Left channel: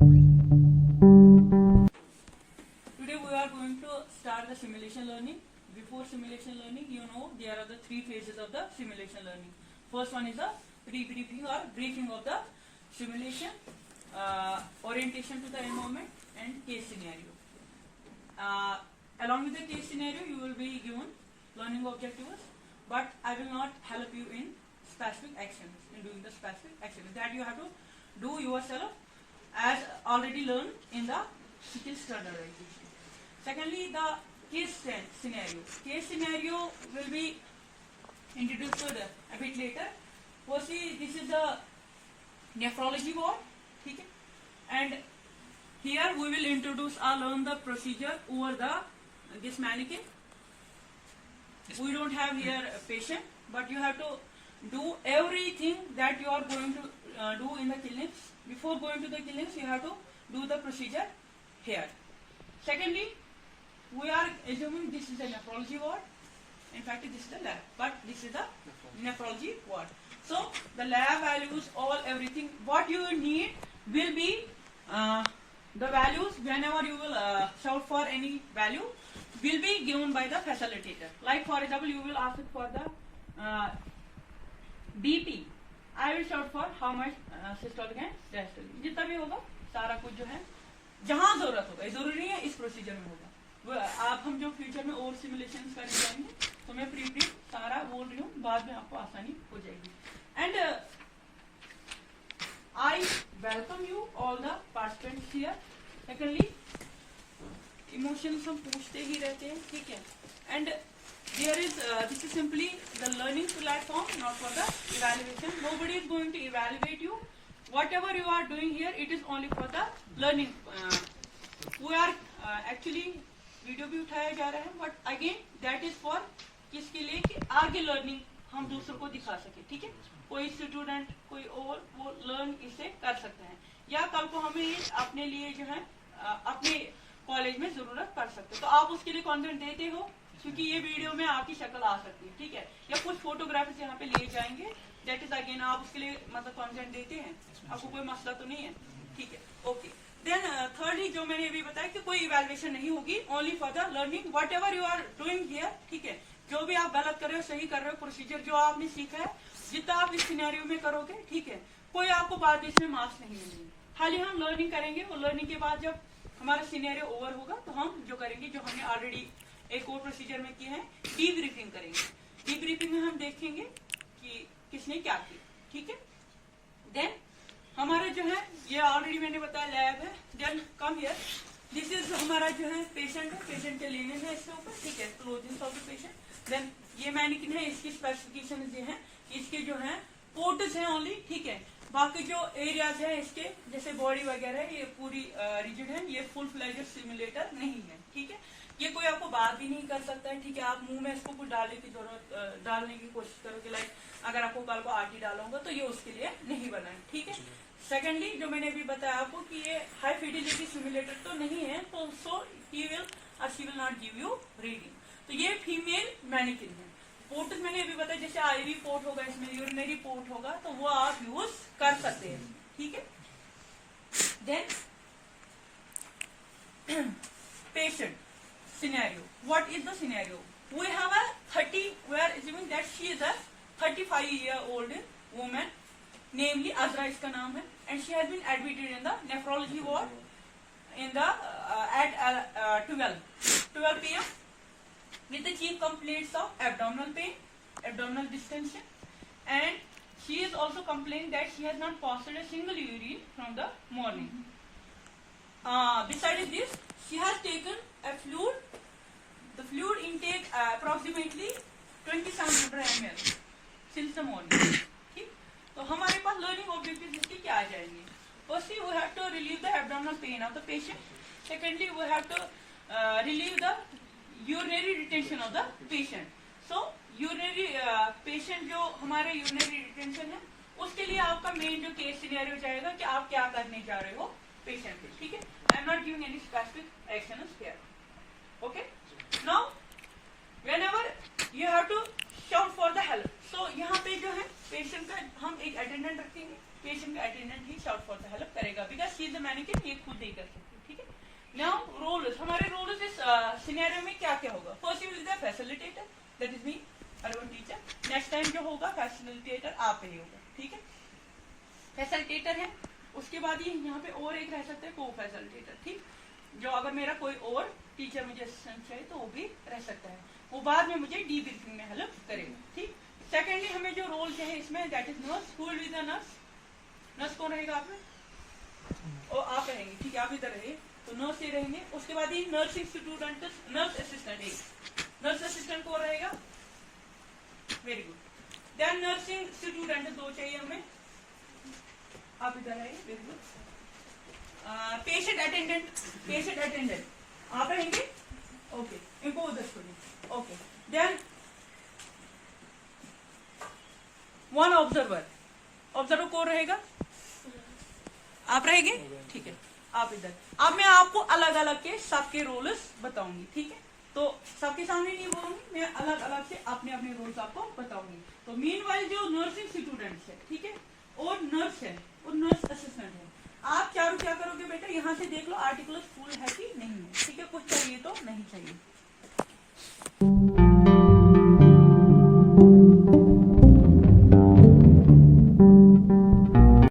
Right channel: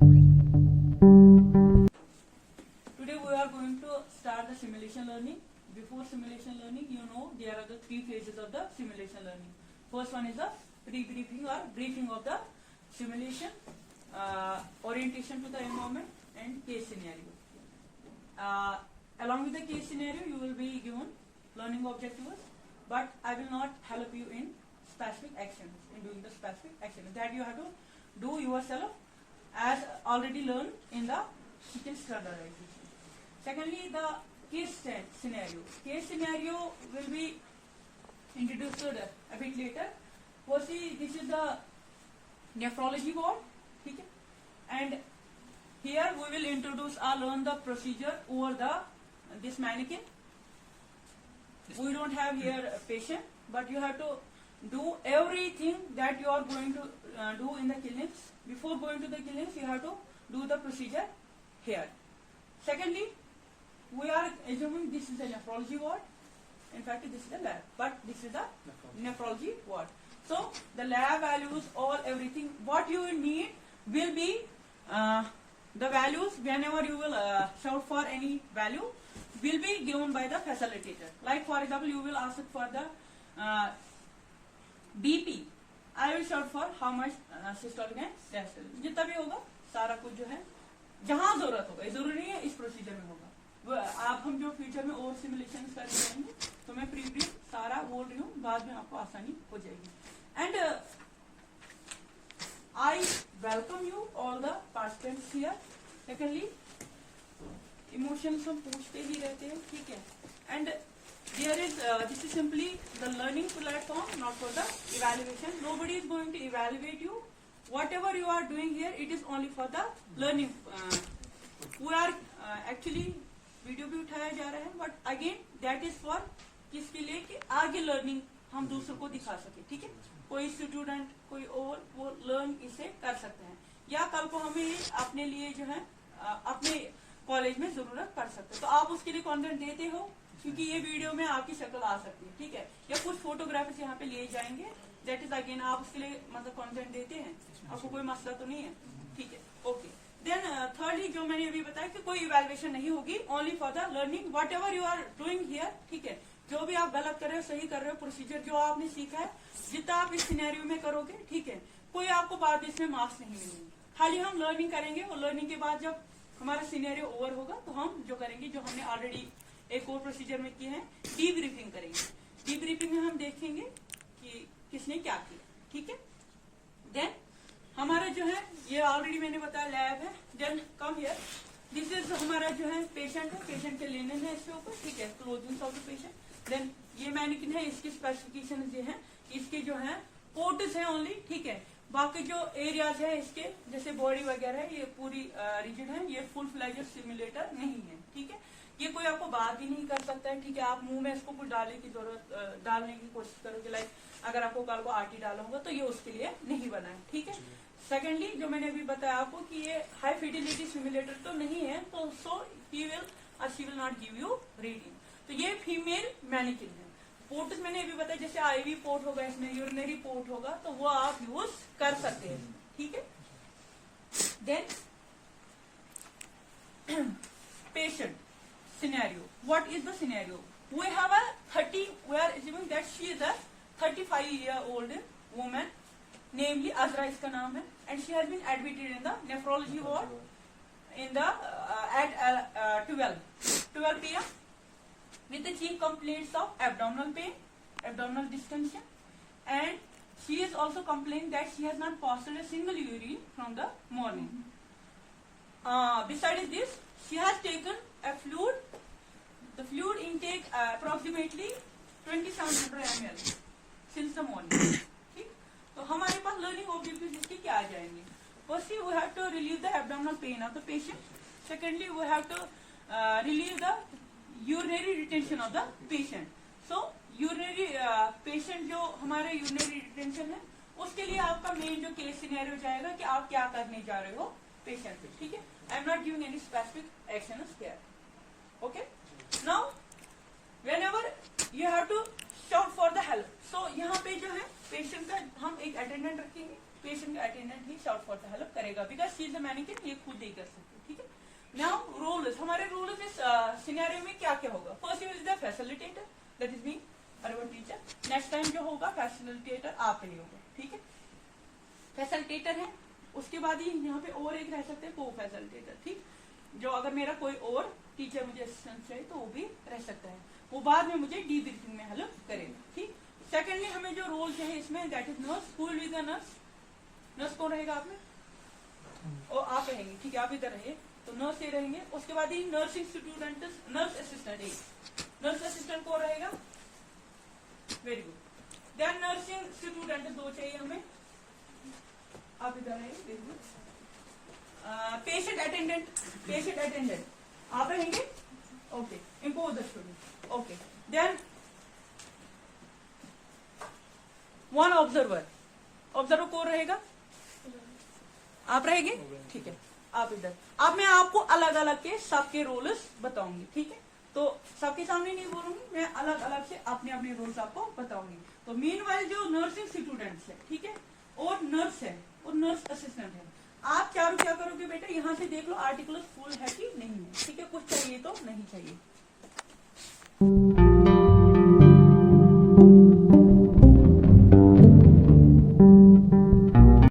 Today we are going to start the simulation learning. Before simulation learning, you know there are the three phases of the simulation learning. First one is the pre-briefing or briefing of the simulation, orientation to the environment, and case scenario. Along with the case scenario, you will be given learning objectives, but I will not help you in specific actions, in doing the specific actions that you have to do yourself as already learned in the skill standardization. Secondly, the case scenario. Case scenario will be introduced a bit later. Firstly, this is the nephrology ward, okay? And here we will introduce or learn the procedure over this mannequin. We don't have here a patient, but you have to do everything that you are going to do in the clinics. Before going to the clinics, you have to do the procedure here. Secondly, we are assuming this is the nephrology ward. In fact, this is the lab, but this is the nephrology ward. So the lab values, everything what you need will be the values. Whenever you will shout for any value, will be given by the facilitator. Like for example, you will ask for the BP. I will shout for how much systolic and diastolic. जितना भी होगा सारा कुछ जो है जहां जरूरत होगा, जरूरी नहीं है इस प्रोसीजर में होगा। आप हम जो फ्यूचर में और सिमुलेशन करने जाएंगे तो मैं प्री ब्रीफ सारा बोल रही हूँ, बाद में आपको आसानी हो जाएगी। And I welcome you all the participants here. Secondly, emotions हम पूछते ही रहते हैं, ठीक है? And there is this is simply the learning platform, not for the evaluation. Nobody is going to evaluate you. Whatever you are doing here, it is only for the learning. We are actually video भी उठाया जा रहा है, but again that is for किसके लिए कि आगे learning हम दूसरों को दिखा सके, ठीक है? कोई स्टूडेंट कोई और वो लर्न इसे कर सकते हैं, या कल को हमें अपने लिए जो है अपने कॉलेज में जरूरत पड़ सकते है, तो आप उसके लिए कंटेंट देते हो, क्योंकि ये वीडियो में आपकी शक्ल आ सकती है, ठीक है? या कुछ फोटोग्राफ्स यहाँ पे लिए जाएंगे, दैट इज अगेन आप उसके लिए मतलब कंटेंट देते हैं, आपको कोई मसला तो नहीं है, ठीक है? ओके। देन थर्डली, जो मैंने अभी बताया कि कोई इवैल्यूएशन नहीं होगी, only for the learning. Whatever you are doing here, ठीक है? जो भी आप गलत कर रहे हो, सही कर रहे हो, प्रोसीजर जो आपने सीखा है, जितना आप इस सिनेरियो में करोगे, ठीक है, कोई आपको बाद में इसमें मार्क्स नहीं मिलेंगे। खाली हम लर्निंग करेंगे, और लर्निंग के बाद जब हमारा सिनेरियो ओवर होगा तो हम जो करेंगे, जो हमने ऑलरेडी एक और प्रोसीजर में किया है, डीब्रीफिंग करेंगे। डीब्रीफिंग में हम देखेंगे कि किसने क्या किया, ठीक है? देन हमारा जो है, ये ऑलरेडी मैंने बताया लैब है। Then come here, this is हमारा जो है पेशेंट है, पेशेंट के लेने में इसके ऊपर, ठीक है? Closing of the patient. Then ये मैनिकिन है, इसकी स्पेसिफिकेशन ये है, इसके जो है पोर्ट्स है ओनली, ठीक है? बाकी जो एरियाज है इसके, जैसे बॉडी वगैरह, ये पूरी रिजिड है, ये फुल फ्लैजेड सिमुलेटर नहीं है, ठीक है? ये कोई आपको बात भी नहीं कर सकता है, ठीक है? आप मुंह में इसको कुछ डालने की कोशिश करोगे, लाइक अगर आपको कल को आटी डालूंगा तो ये उसके लिए नहीं बना है, ठीक है? सेकेंडली, जो मैंने अभी बताया आपको कि ये हाई फिडिलिटी सिमुलेटर तो नहीं है, तो सो ही विल और she will not give you reading. तो ये फीमेल मैनिकिन है। पोर्ट मैंने अभी बताया, जैसे आईवी पोर्ट होगा, इसमें यूरिनरी पोर्ट होगा, तो वो आप यूज कर सकते हैं, ठीक है? Then patient scenario. What is the scenario? We have we are assuming that she is a 35-year-old woman, namely Azra इसका नाम है, and she has been admitted in the nephrology ward in the at 12 p.m. with the chief complaints of abdominal pain, abdominal distension, and she is also complaining that she has not passed a single urine from the morning. Besides this, she has taken a fluid. The fluid intake approximately 2700 ml since the morning. ठीक? तो हमारे पास learning objectives इसके क्या आ जाएंगे? Firstly, we have to relieve the abdominal pain of the patient. Secondly, we have to relieve the urinary retention of the patient. So, urinary patient जो हमारे urinary retention है, उसके लिए आपका main जो case scenario जाएगा कि आप क्या करने जा रहे हो patient से, ठीक है? I am not giving any specific actions here. Okay? Now, whenever you have to shout for the help, so यहाँ पे जो है पेशेंट का हम एक अटेंडेंट रखेंगे, पेशेंट का attendant he shout for the help करेगा, because शील द मैनिक्विन ये खुद ही कर सकते हैं, ठीक है। नाउ रोल्स, हमारे रोल्स इस सिनेरियो में क्या क्या होगा। First you will the facilitator, that is me urban teacher. Next time जो होगा फैसिलिटेटर आप ही होगा, ठीक है। फैसिलिटेटर है, उसके बाद ही यहाँ पे और एक रह सकते हैं को फैसिलिटेटर, ठीक। जो अगर मेरा कोई और टीचर मुझे असिस्टेंट चाहिए तो वो भी रह सकता है, वो बाद में मुझे डीब्रीफिंग में हेल्प करेगा, ठीक। सेकेंडली हमें जो रोल चाहिए इसमें that is nurse. Who will be the nurse? Nurse कौन रहेगा आप में? और आप रहेंगे, ठीक है, आप इधर रहे तो नर्स ये रहेंगे। उसके बाद ही नर्सिंग स्टूडेंट, नर्स असिस्टेंट, एक नर्स असिस्टेंट कौन रहेगा? Very good. Then nursing student दो चाहिए हमें, आप इधर रहेंगे, very good. Patient attendant, patient attendant आप रहेंगे, ओके, इनको उधर छोड़िए, okay. Then one observer, observer कौन रहेगा? आप रहेंगे, ठीक है, आप इधर। अब मैं आपको अलग अलग के सबके रोल्स बताऊंगी, ठीक है। तो सबके सामने नहीं बोलूंगी, मैं अलग अलग से अपने अपने रोल्स आपको बताऊंगी। तो मीनवाइल जो नर्सिंग स्टूडेंट्स है, ठीक है, और नर्स है और नर्स असिस्टेंट है, आप चारों क्या करोगे बेटा, यहाँ से देख लो आर्टिकल्स फुल है कि नहीं है, ठीक है। कुछ चाहिए तो नहीं चाहिए।